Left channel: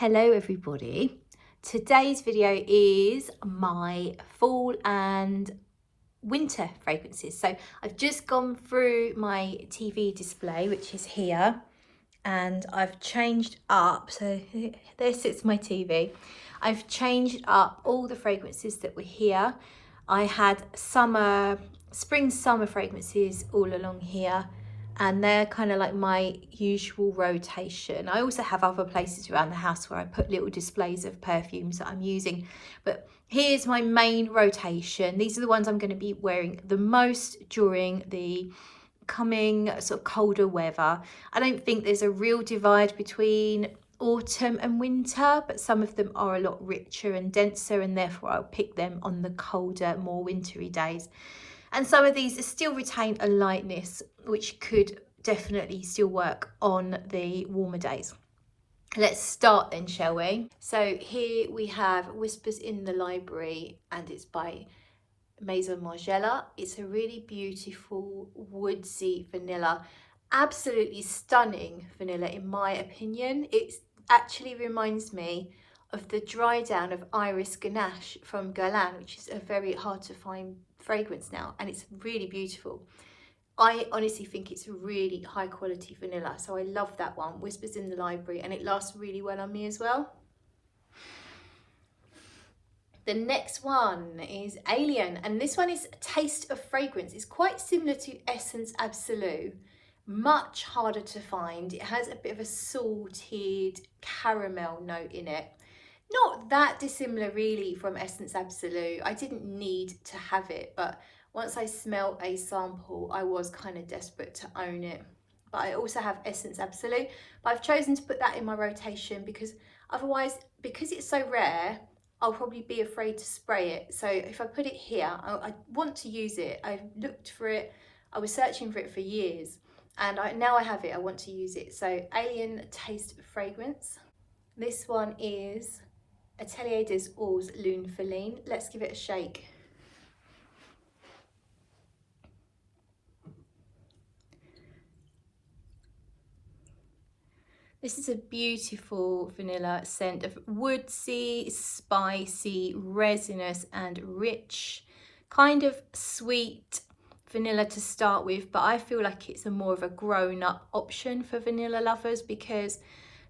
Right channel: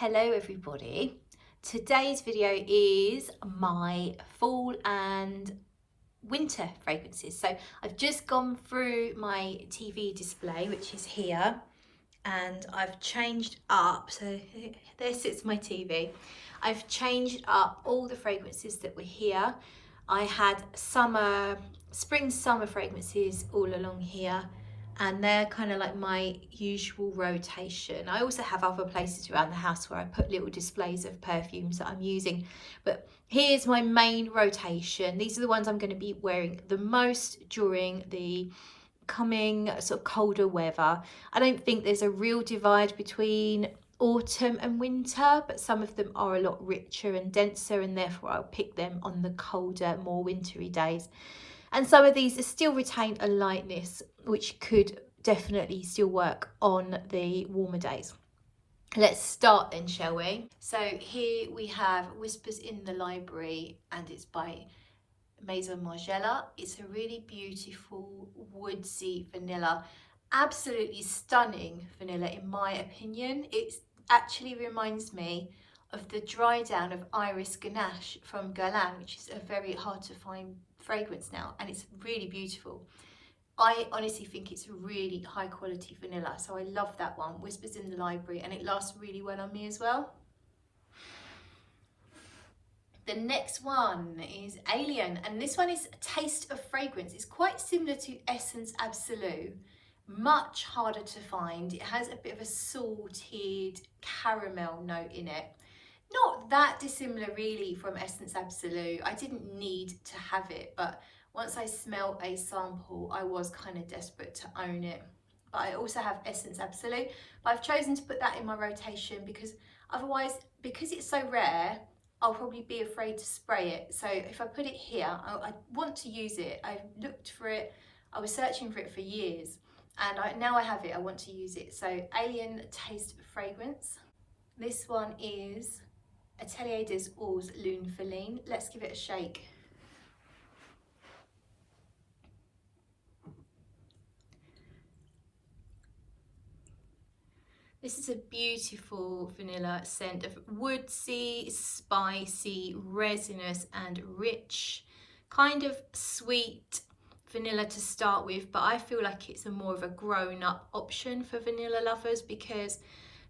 Hello everybody. Today's video is my fall and winter fragrances. So I've just gone through my TV display, which is here, and I've changed up. So there sits my TV. I've changed up all the fragrances that were here. I had spring summer fragrances all along here, and they're kind of like my usual rotation. I also have other places around the house where I put little displays of perfumes that I'm using, but here's my main rotation. These are the ones I'm going to be wearing the most during the coming sort of colder weather. I don't think there's a real divide between autumn and winter, but some of them are a lot richer and denser, and therefore I'll pick them on the colder, more wintry days. And some of these still retain a lightness, which could definitely still work on the warmer days. Let's start then, shall we? So here we have Whispers in the Library, and it's by Maison Margiela. It's a really beautiful woodsy vanilla, absolutely stunning vanilla in my opinion. It actually reminds me of the dry down of Iris Ganache from Guerlain, which is a very hard to find fragrance now, and it's really beautiful. I honestly think it's a really high quality vanilla, so I love that one, Whispers in the Library, and it lasts really well on me as well. The next one is Alien, and this one is Taste of Fragrance. It's quite similar to Essence Absolute, much harder to find. It has a bit of a salted caramel note in it. Not that dissimilar really from Essence Absolute. I didn't need to have it, but once I smelled a sample, I was kind of desperate to own it. But I also have Essence Absolute, but I've chosen to put that in my rotation because otherwise, because it's so rare, I'll probably be afraid to spray it. So if I put it here, I want to use it. I looked for it, I was searching for it for years, and now I have it, I want to use it. So Alien Taste of Fragrance. This one is Atelier des Eaux Loon Feline. Let's give it a shake. This is a beautiful vanilla scent of woodsy, spicy, resinous and rich, kind of sweet vanilla to start with, but I feel like it's a more of a grown-up option for vanilla lovers because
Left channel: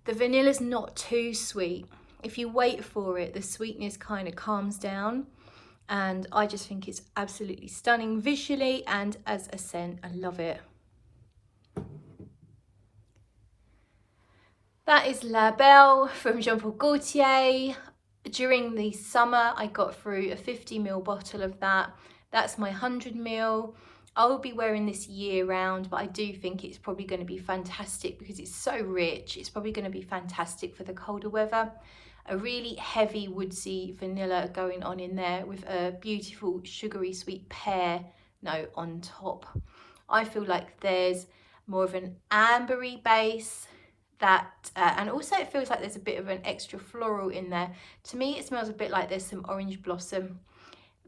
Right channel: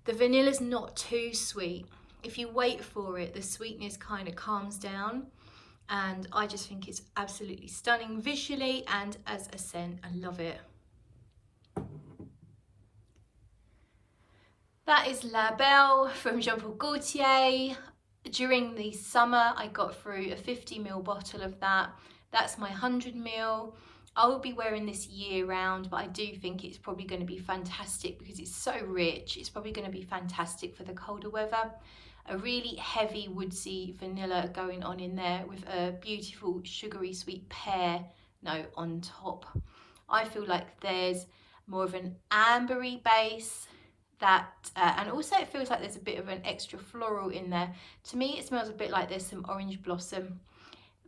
the vanilla's not too sweet. If you wait for it, the sweetness kind of calms down, and I just think it's absolutely stunning visually and as a scent. I love it. That is La Belle from Jean-Paul Gaultier. During the summer, I got through a 50ml bottle of that. That's my 100ml. I will be wearing this year round, but I do think it's probably going to be fantastic because it's so rich. It's probably going to be fantastic for the colder weather. A really heavy woodsy vanilla going on in there with a beautiful sugary sweet pear note on top. I feel like there's more of an ambery base and also it feels like there's a bit of an extra floral in there. To me it smells a bit like there's some orange blossom,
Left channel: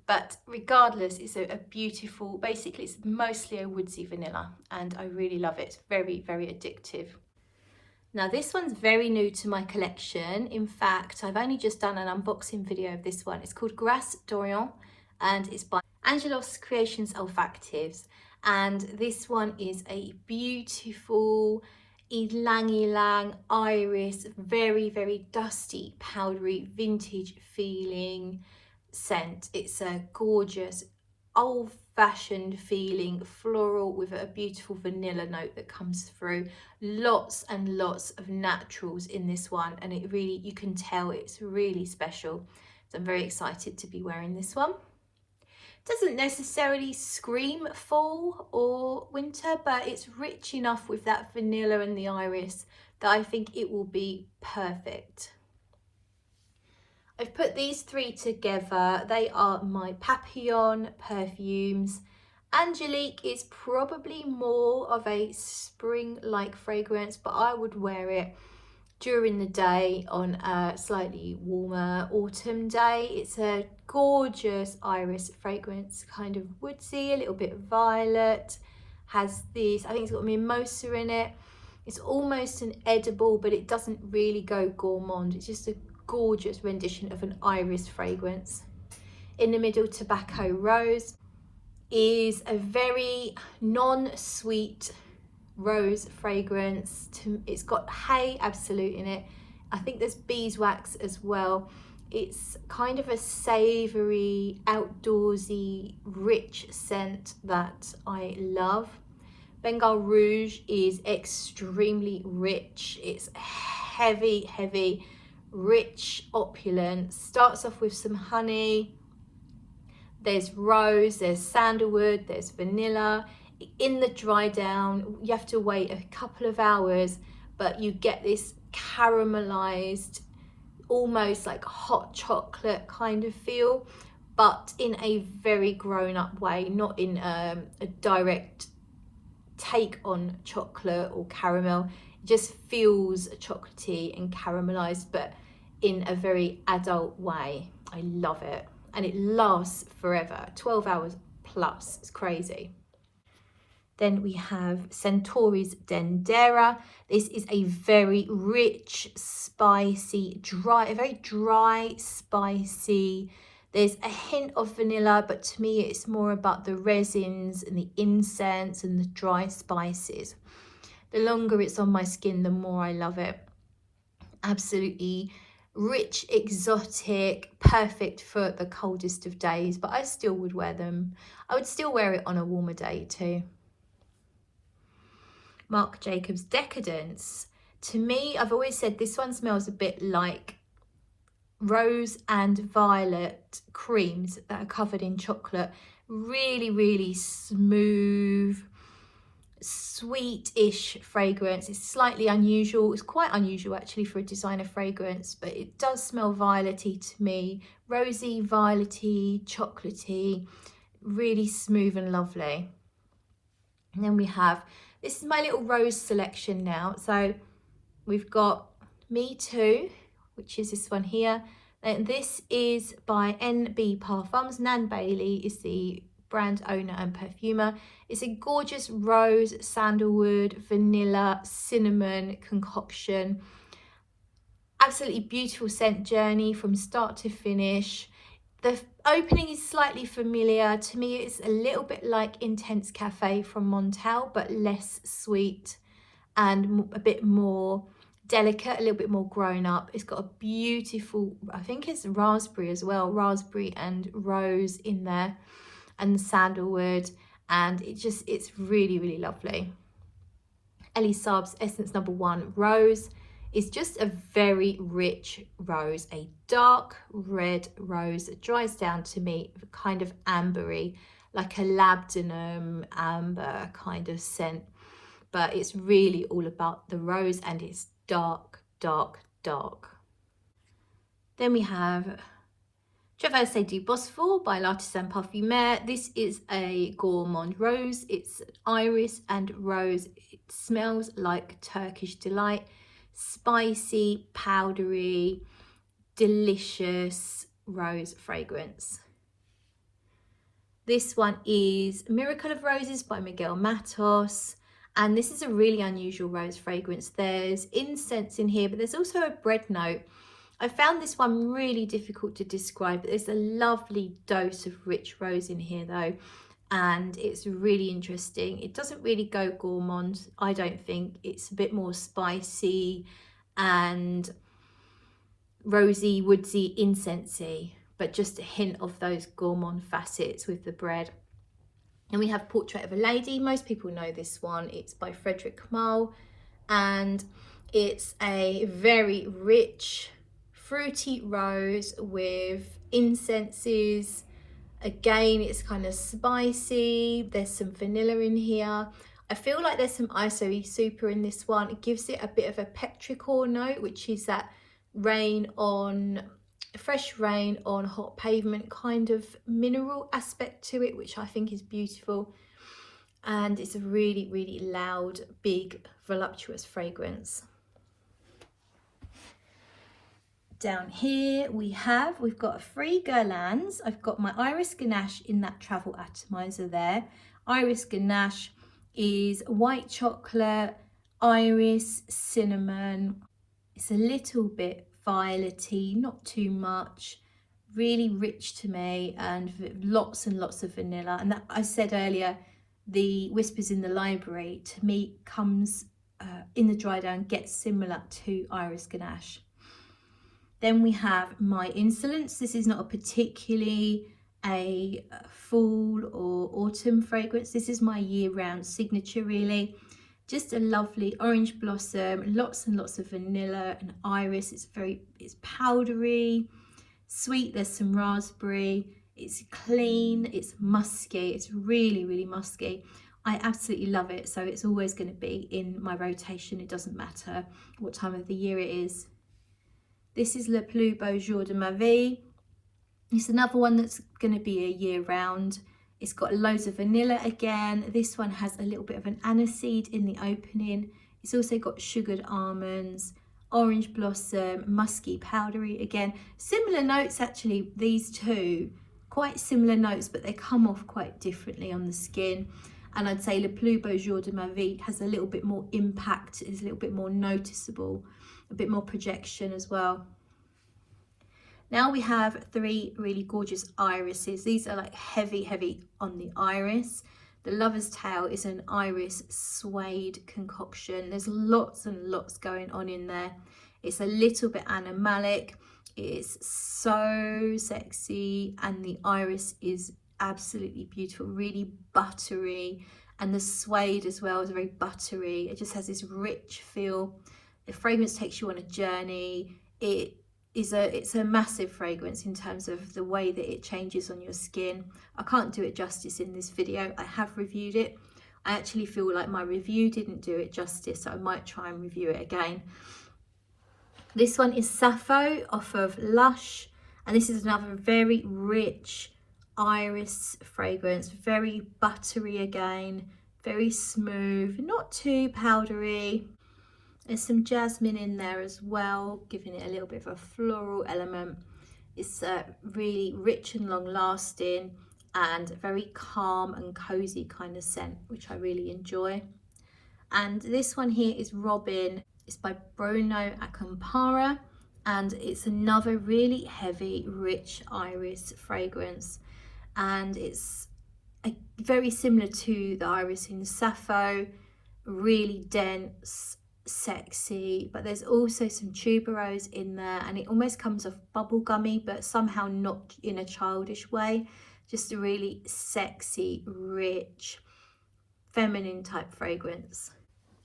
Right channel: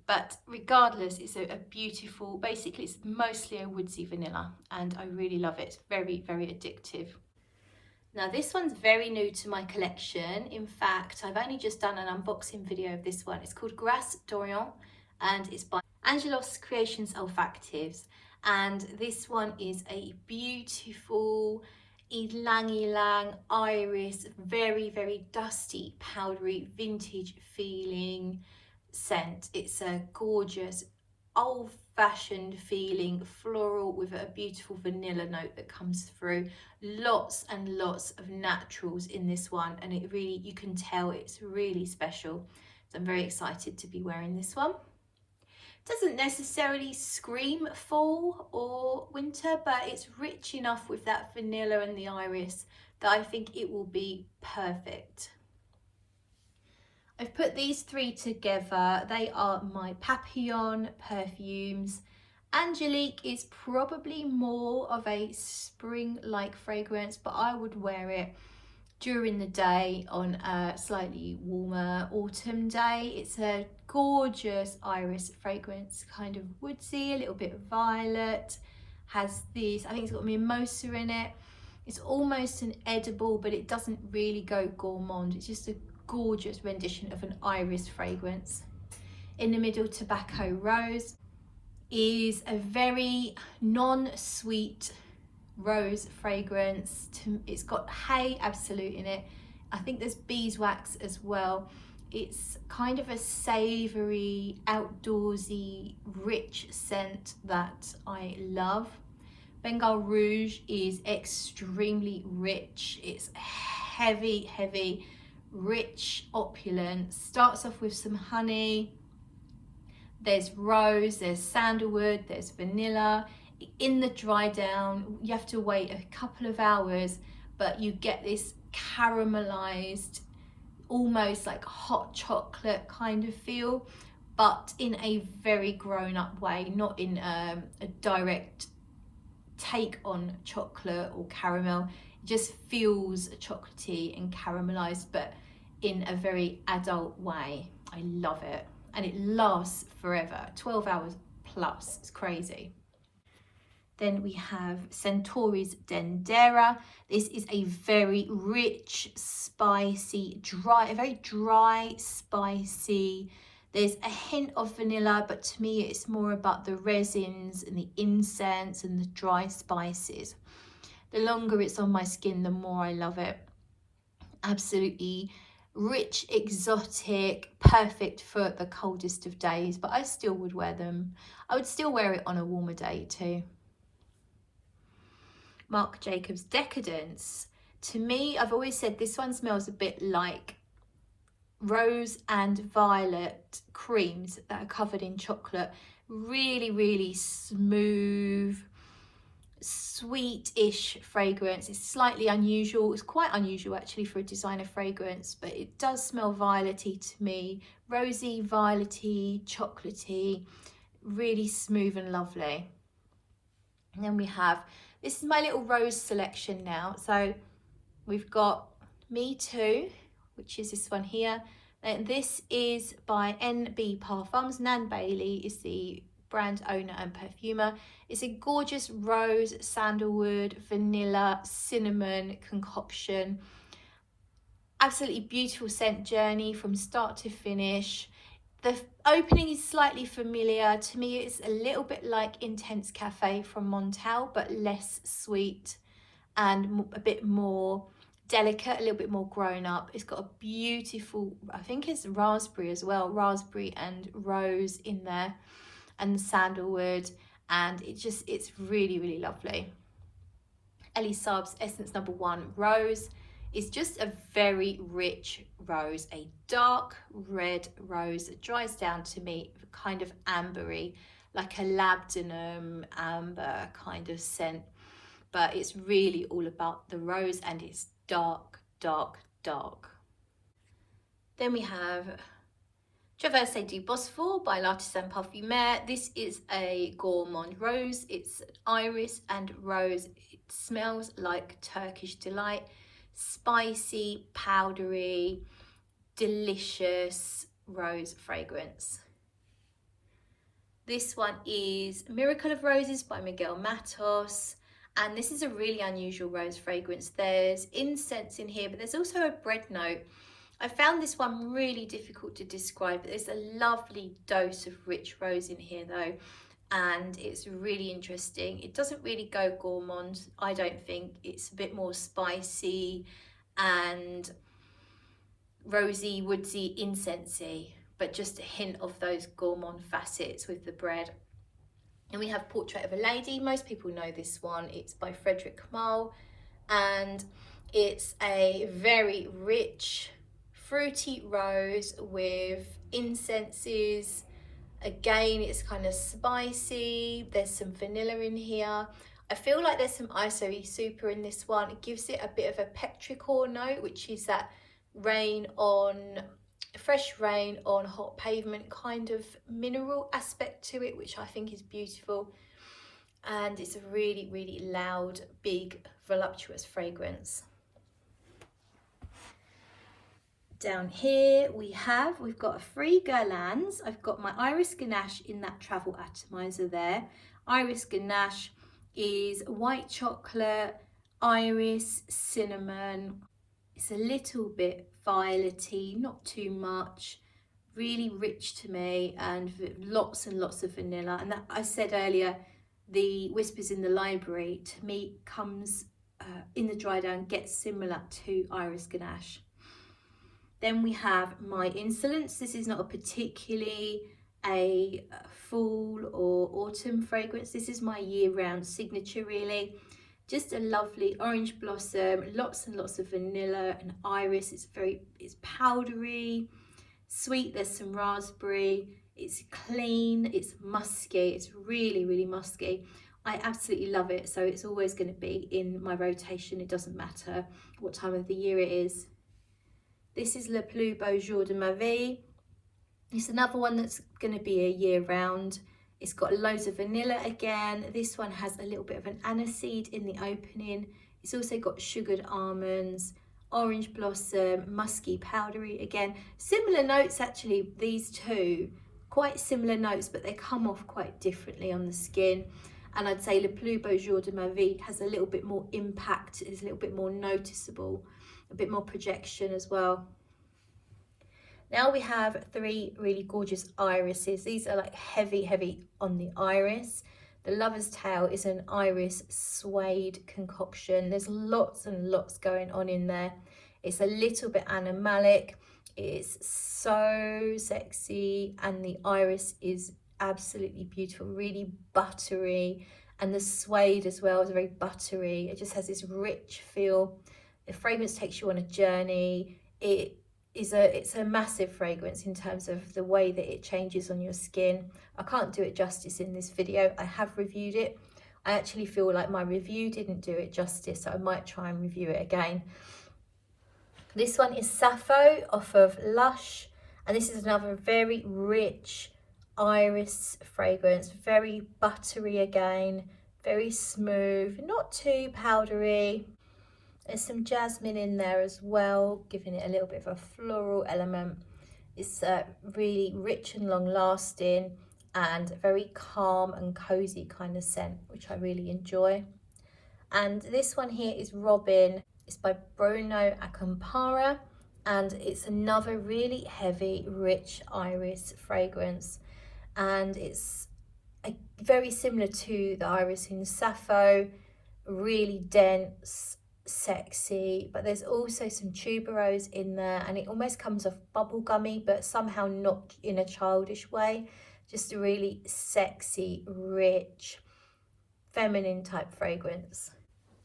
but regardless, it's a beautiful, basically it's mostly a woodsy vanilla, and I really love it. It's very, very addictive. Now this one's very new to my collection. In fact, I've only just done an unboxing video of this one. It's called Grâce d'Orient, and it's by Angelos Creations Olfactives. And this one is a beautiful ylang-ylang iris, very, very dusty, powdery, vintage feeling scent. It's a gorgeous, old-fashioned feeling floral with a beautiful vanilla note that comes through. Lots and lots of naturals in this one, and it really, you can tell it's really special. So I'm very excited to be wearing this one. Doesn't necessarily scream fall or winter, but it's rich enough with that vanilla and the iris that I think it will be perfect. I've put these three together. They are my Papillon perfumes. Angelique is probably more of a spring-like fragrance, but I would wear it during the day on a slightly warmer autumn day. It's a gorgeous iris fragrance, kind of woodsy, a little bit violet. Has this, I think it's got mimosa in it. It's almost an edible, but it doesn't really go gourmand. It's just a gorgeous rendition of an iris fragrance. In the middle, Tobacco Rose is a very non-sweet rose fragrance. It's got Hay Absolute in it. I think there's beeswax as well. It's kind of a savoury, outdoorsy, rich scent that I love. Bengal Rouge is extremely rich. It's heavy, heavy, rich, opulent. Starts off with some honey. There's rose, there's sandalwood, there's vanilla. In the dry down, you have to wait a couple of hours, but you get this caramelized, almost like hot chocolate kind of feel, but in a very grown-up way, not in a direct take on chocolate or caramel. It just feels chocolatey and caramelized, but in a very adult way. I love it, and it lasts forever, 12 hours plus. It's crazy. Then we have Centauri's Dendera. This is a very rich, spicy, a very dry, spicy. There's a hint of vanilla, but to me it's more about the resins and the incense and the dry spices. The longer it's on my skin, the more I love it. Absolutely rich, exotic, perfect for the coldest of days, but I still would wear them. I would still wear it on a warmer day too. Marc Jacobs Decadence. To me, I've always said this one smells a bit like rose and violet creams that are covered in chocolate. Really, really smooth, sweet-ish fragrance. It's slightly unusual. It's quite unusual actually for a designer fragrance, but it does smell violet-y to me. Rosy, violet-y, chocolatey, really smooth and lovely. And then we have, this is my little rose selection now. So we've got Me Too, which is this one here. And this is by NB Parfums. Nan Bailey is the brand owner and perfumer. It's a gorgeous rose, sandalwood, vanilla, cinnamon concoction. Absolutely beautiful scent journey from start to finish. The opening is slightly familiar. To me, it's a little bit like Intense Cafe from Montel, but less sweet and a bit more delicate, a little bit more grown up. It's got a beautiful, I think it's raspberry as well, raspberry and rose in there, and sandalwood, and it's really, really lovely. Elie Saab's Essence No. 1 Rose is just a very rich rose, a dark red rose that dries down to me kind of ambery, like a labdanum amber kind of scent, but it's really all about the rose, and it's dark, dark, dark. Then we have Traversée du Bosphore by L'Artisan Parfumeur. This is a gourmand rose. It's iris and rose. It smells like Turkish delight. Spicy, powdery, delicious rose fragrance. This one is Miracle of Roses by Miguel Matos, and this is a really unusual rose fragrance. There's incense in here, but there's also a bread note. I found this one really difficult to describe, but there's a lovely dose of rich rose in here though, and it's really interesting. It doesn't really go gourmand, I don't think. It's a bit more spicy and rosy, woodsy, incensey, but just a hint of those gourmand facets with the bread. And we have Portrait of a Lady. Most people know this one. It's by Frederic Malle, and it's a very rich, fruity rose with incenses. Again, it's kind of spicy. There's some vanilla in here. I feel like there's some ISO super in this one. It gives it a bit of a petrichor note, which is that fresh rain on hot pavement kind of mineral aspect to it, which I think is beautiful. And it's a really, really loud, big, voluptuous fragrance. Down here we've got 3 Guerlains. I've got my Iris Ganache in that travel atomizer there. Iris Ganache is white chocolate, iris, cinnamon. It's a little bit violety, not too much. Really rich to me, and lots and lots of vanilla. And that, I said earlier, the Whispers in the Library to me comes in the dry down, gets similar to Iris Ganache. Then we have My Insolence. This is not a particularly a fall or autumn fragrance. This is my year-round signature, really. Just a lovely orange blossom, lots and lots of vanilla and iris. It's powdery, sweet, there's some raspberry, it's clean, it's musky, it's really, really musky. I absolutely love it, so it's always going to be in my rotation. It doesn't matter what time of the year it is. This is Le Pleubo Jorda Mavi. It's another one that's going to be a year round. It's got loads of vanilla again. This one has a little bit of an aniseed in the opening. It's also got sugared almonds, orange blossom, musky, powdery again. Similar notes actually, these two, quite similar notes, but they come off quite differently on the skin. And I'd say Le Pleubo Jorda Mavi has a little bit more impact, is a little bit more noticeable, a bit more projection as well. Now we have three really gorgeous irises. These are like heavy on the iris. The Lover's Tale is an iris suede concoction. There's lots and lots going on in there. It's a little bit animalic. It's so sexy, and the iris is absolutely beautiful, really buttery, and the suede as well is very buttery. It just has this rich feel. The fragrance takes you on a journey. It's a massive fragrance in terms of the way that it changes on your skin. I can't do it justice in this video. I have reviewed it. I actually feel like my review didn't do it justice, so I might try and review it again. This one is Sappho off of Lush, and this is another very rich iris fragrance, very buttery again, very smooth, not too powdery. There's some jasmine in there as well, giving it a little bit of a floral element. It's really rich and long lasting, and very calm and cozy kind of scent, which I really enjoy. And this one here is Robin. It's by Bruno Acampara, and it's another really heavy, rich iris fragrance. And it's very similar to the iris in Sappho, really dense, sexy, but there's also some tuberose in there, and it almost comes off bubblegummy, but somehow not in a childish way. Just a really sexy, rich, feminine type fragrance.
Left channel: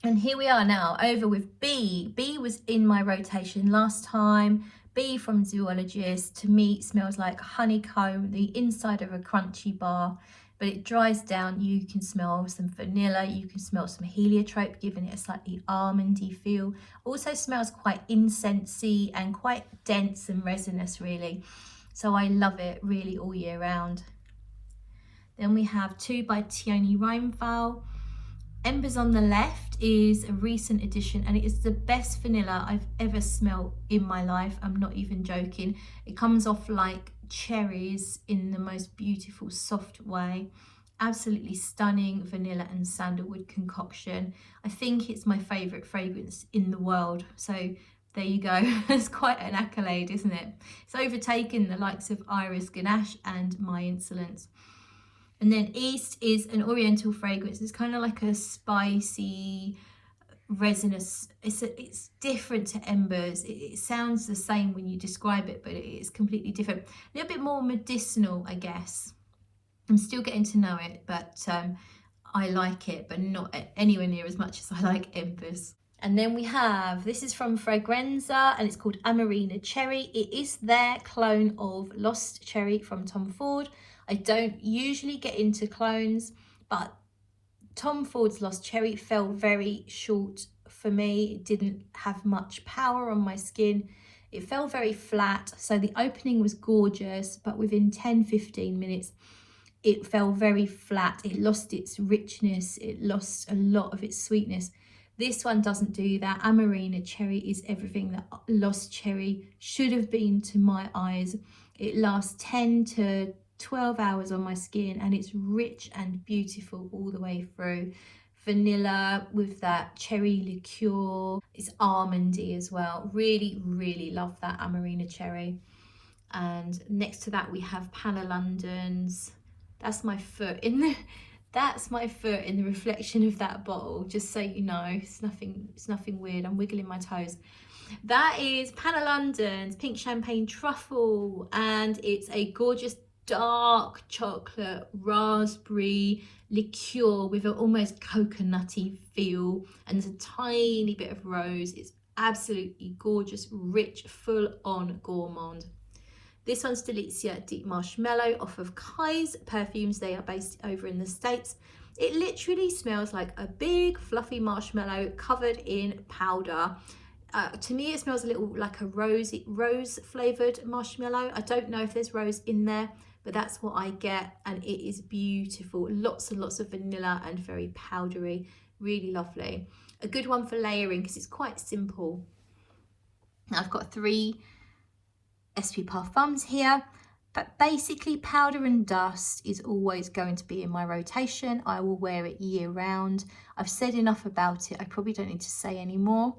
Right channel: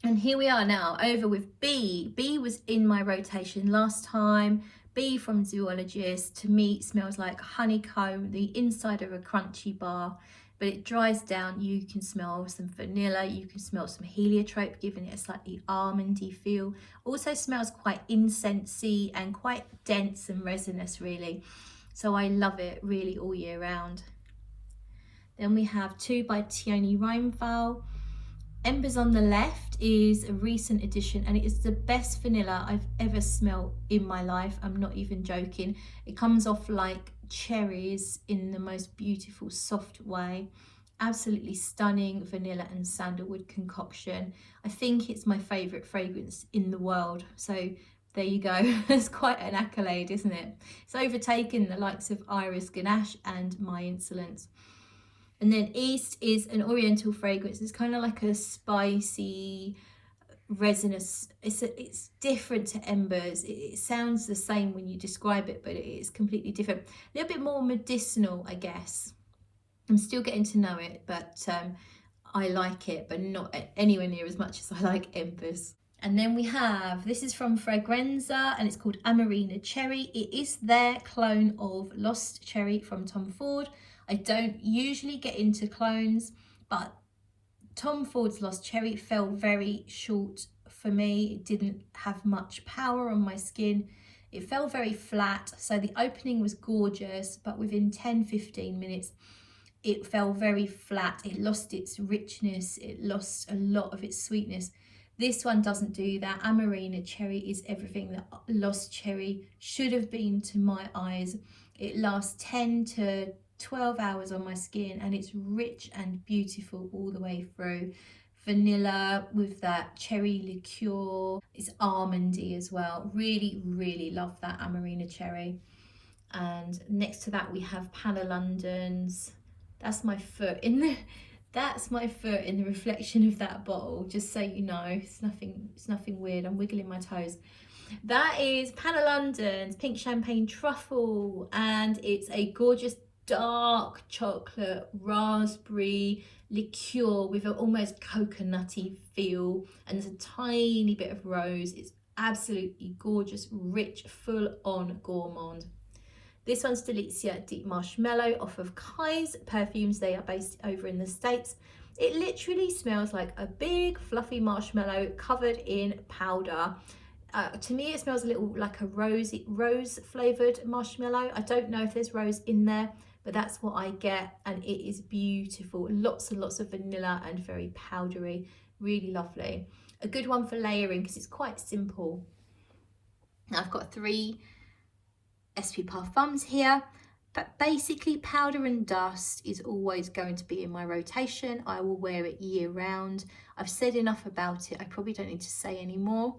And here we are now over with Bee. Bee was in my rotation last time. Bee from Zoologist, to me smells like honeycomb, the inside of a crunchy bar, but it dries down. You can smell some vanilla, you can smell some heliotrope, giving it a slightly almondy feel. Also smells quite incensey and quite dense and resinous, really. So I love it really all year round. Then we have two by Tioni Reinfall. Embers on the left is a recent addition, and it is the best vanilla I've ever smelled in my life. I'm not even joking. It comes off like cherries in the most beautiful, soft way. Absolutely stunning vanilla and sandalwood concoction. I think it's my favourite fragrance in the world. So there you go. It's quite an accolade, isn't it? It's overtaken the likes of Iris Ganache and My Insolence. And then East is an oriental fragrance. It's kind of like a spicy, resinous. It's different to Embers. It sounds the same when you describe it, but it is completely different. A little bit more medicinal, I guess. I'm still getting to know it, but I like it, but not anywhere near as much as I like Embers. And then we have, this is from Fragranza, and it's called Amarina Cherry. It is their clone of Lost Cherry from Tom Ford. I don't usually get into clones, but Tom Ford's Lost Cherry fell very short for me. It didn't have much power on my skin. It fell very flat. So the opening was gorgeous, but within 10-15 minutes, it fell very flat. It lost its richness. It lost a lot of its sweetness. This one doesn't do that. Amarina Cherry is everything that Lost Cherry should have been to my eyes. It lasts 10 to 12 hours on my skin, and it's rich and beautiful all the way through. vanilla with that cherry liqueur. It's almondy as well. Really, really love that Amarina Cherry. And next to that we have Panna London's. That's my foot in the reflection of that bottle, just so you know. It's nothing weird. I'm wiggling my toes. That is Panna London's Pink Champagne Truffle, and it's a gorgeous dark chocolate raspberry liqueur with an almost coconutty feel, and there's a tiny bit of rose. It's absolutely gorgeous, rich, full on gourmand. This one's Delizia Deep Marshmallow off of Kai's Perfumes. They are based over in the States. It literally smells like a big fluffy marshmallow covered in powder. To me, it smells a little like a rose flavoured marshmallow. I don't know if there's rose in there, but that's what I get, and it is beautiful. Lots and lots of vanilla and very powdery. Really lovely. A good one for layering because it's quite simple. Now I've got 3 SP Parfums here, but basically Powder and Dust is always going to be in my rotation. I will wear it year round. I've said enough about it. I probably don't need to say any more.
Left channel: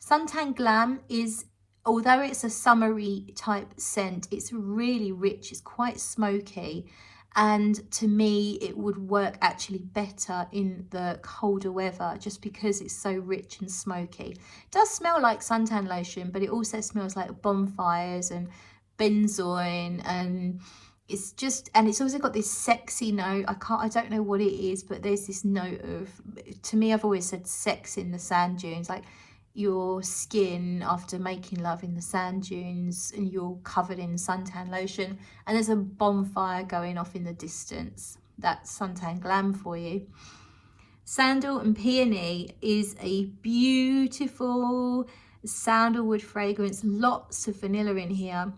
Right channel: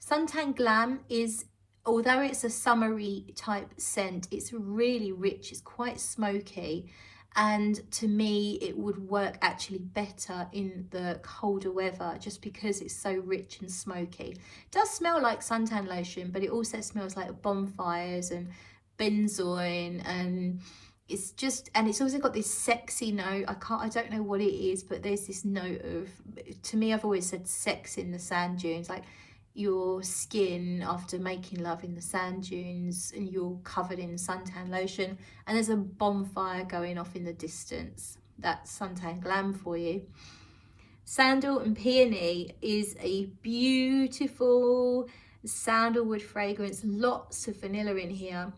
Suntan Glam is, although it's a summery type scent, it's really rich, it's quite smoky, and to me it would work actually better in the colder weather just because it's so rich and smoky. It does smell like suntan lotion, but it also smells like bonfires and benzoin, and it's also got this sexy note. I don't know what it is, but there's this note of, to me, I've always said sex in the sand dunes, like your skin after making love in the sand dunes and you're covered in suntan lotion and there's a bonfire going off in the distance. That's Suntan Glam for you. Sandal and Peony is a beautiful sandalwood fragrance, lots of vanilla in here.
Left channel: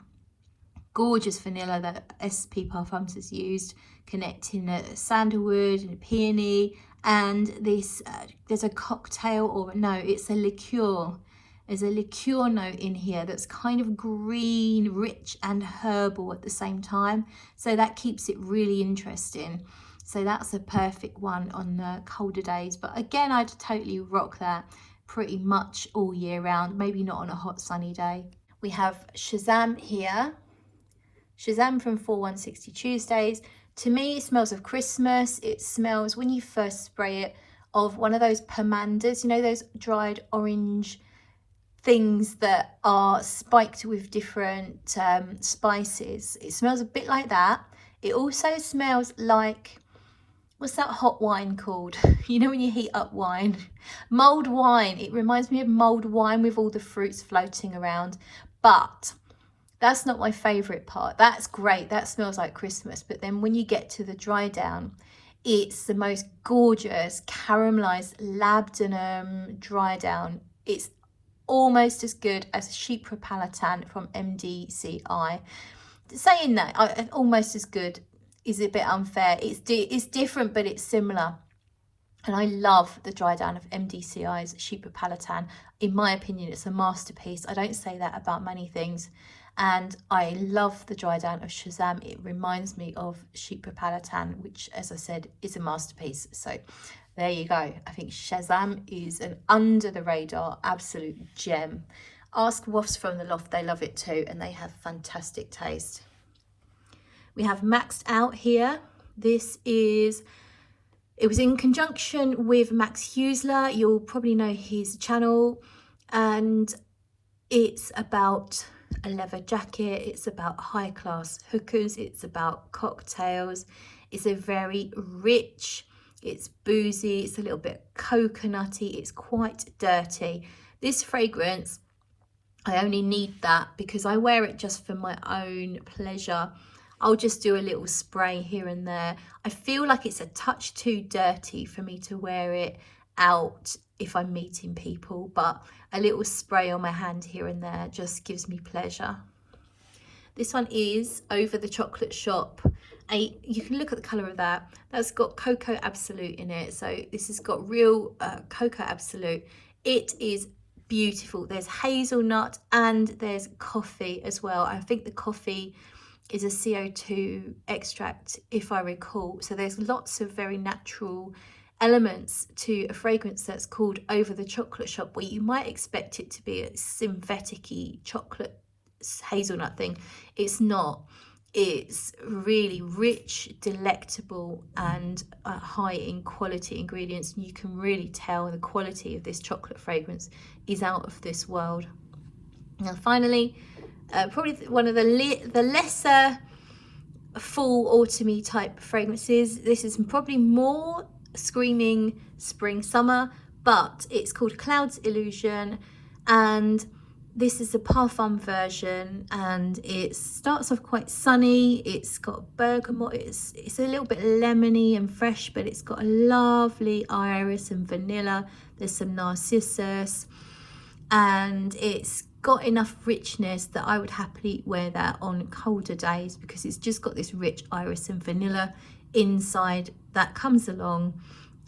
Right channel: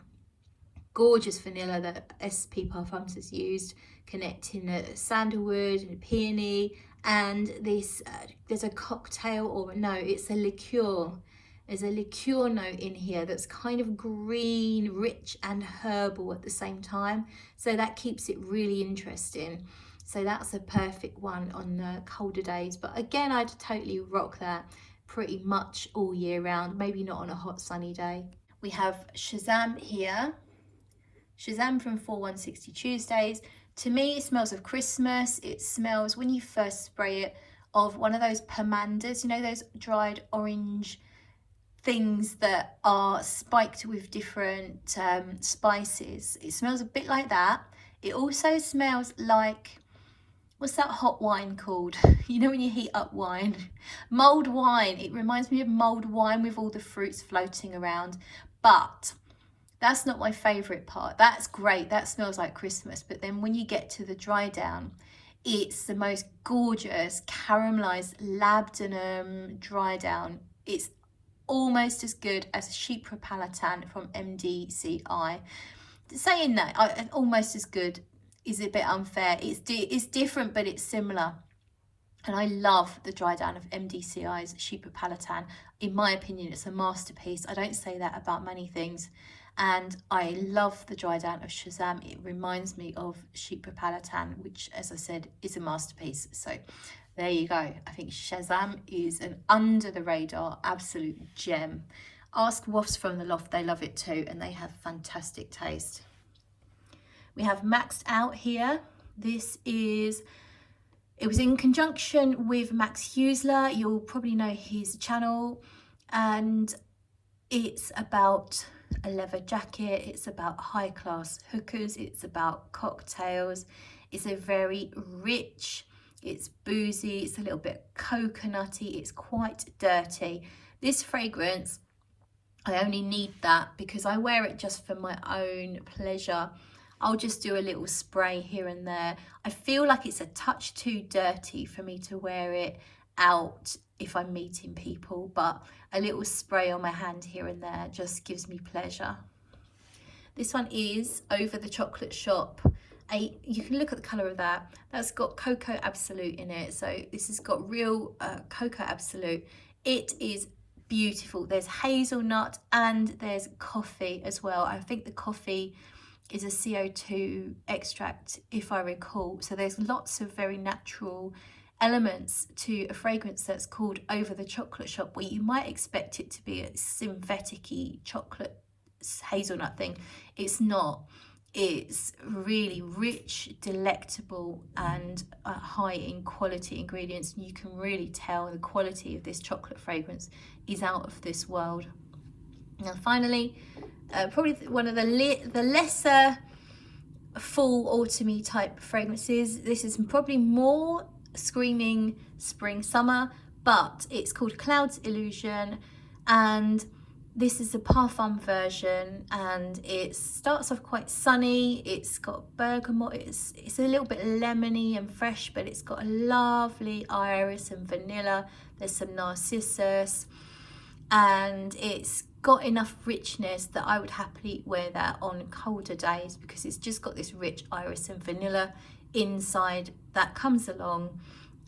Gorgeous vanilla that SP Parfums has used, connecting sandalwood and peony. And this there's a cocktail, or no, it's a liqueur. There's a liqueur note in here that's kind of green, rich and herbal at the same time, so that keeps it really interesting. So that's a perfect one on colder days, but again, I'd totally rock that pretty much all year round, maybe not on a hot sunny day. We have Shazam here. Shazam from 4160 Tuesdays. To me, it smells of Christmas. It smells, when you first spray it, of one of those pomanders, you know, those dried orange things that are spiked with different spices. It smells a bit like that. It also smells like, what's that hot wine called? You know, when you heat up wine? Mulled wine. It reminds me of mulled wine with all the fruits floating around. But that's not my favourite part. That's great, that smells like Christmas, but then when you get to the dry down, it's the most gorgeous caramelised labdanum dry down. It's almost as good as Chypre Palatin from MDCI. Saying that, almost as good is a bit unfair. It's different, but it's similar. And I love the dry down of MDCI's Chypre Palatin. In my opinion, it's a masterpiece. I don't say that about many things. And I love the dry down of Shazam. It reminds me of Chypre Palatin, which, as I said, is a masterpiece. So there you go. I think Shazam is an under the radar absolute gem. Ask Wafts from the Loft, they love it too, and they have fantastic taste. We have Maxed Out here. It was in conjunction with Max Huesler. You'll probably know his channel, and it's about a leather jacket, it's about high class hookers, it's about cocktails. It's a very rich, it's boozy, it's a little bit coconutty, it's quite dirty. This fragrance, I only need that because I wear it just for my own pleasure. I'll just do a little spray here and there. I feel like it's a touch too dirty for me to wear it out if I'm meeting people, but a little spray on my hand here and there just gives me pleasure. This one is Over the Chocolate Shop. You can look at the colour of that. That's got Cocoa Absolute in it. So this has got real Cocoa Absolute. It is beautiful. There's hazelnut and there's coffee as well. I think the coffee is a CO2 extract, if I recall. So there's lots of very natural elements to a fragrance that's called Over the Chocolate Shop, where you might expect it to be a synthetic-y chocolate hazelnut thing. It's not. It's really rich, delectable, and high in quality ingredients. You can really tell the quality of this chocolate fragrance is out of this world. Now finally, probably one of the lesser fall autumny type fragrances. This is probably more screaming spring summer, but it's called Cloud's Illusion, and this is the parfum version, and it starts off quite sunny. It's got bergamot, it's a little bit lemony and fresh, but it's got a lovely iris and vanilla. There's some narcissus, and it's got enough richness that I would happily wear that on colder days, because it's just got this rich iris and vanilla inside that comes along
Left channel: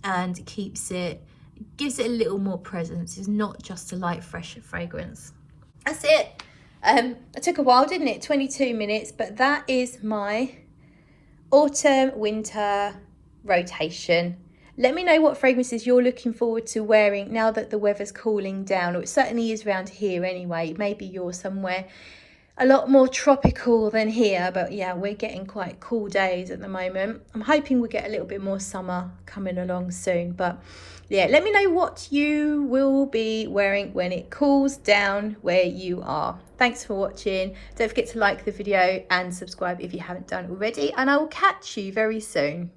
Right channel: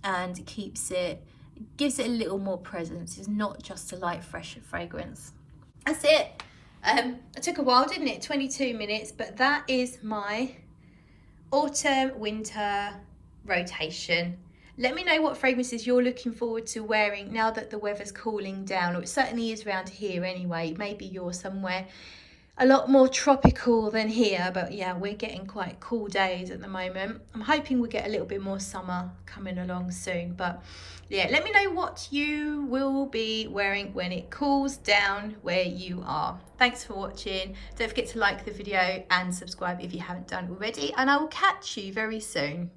and gives it a little more presence. It's not just a light fresh fragrance. That's it. It took a while, didn't it? 22 minutes, but that is my autumn winter rotation. Let me know what fragrances you're looking forward to wearing now that the weather's cooling down, or it certainly is around here anyway. Maybe you're somewhere a lot more tropical than here, but yeah, we're getting quite cool days at the moment. I'm hoping we'll get a little bit more summer coming along soon, but yeah, let me know what you will be wearing when it cools down where you are. Thanks for watching. Don't forget to like the video and subscribe if you haven't done already, and I will catch you very soon.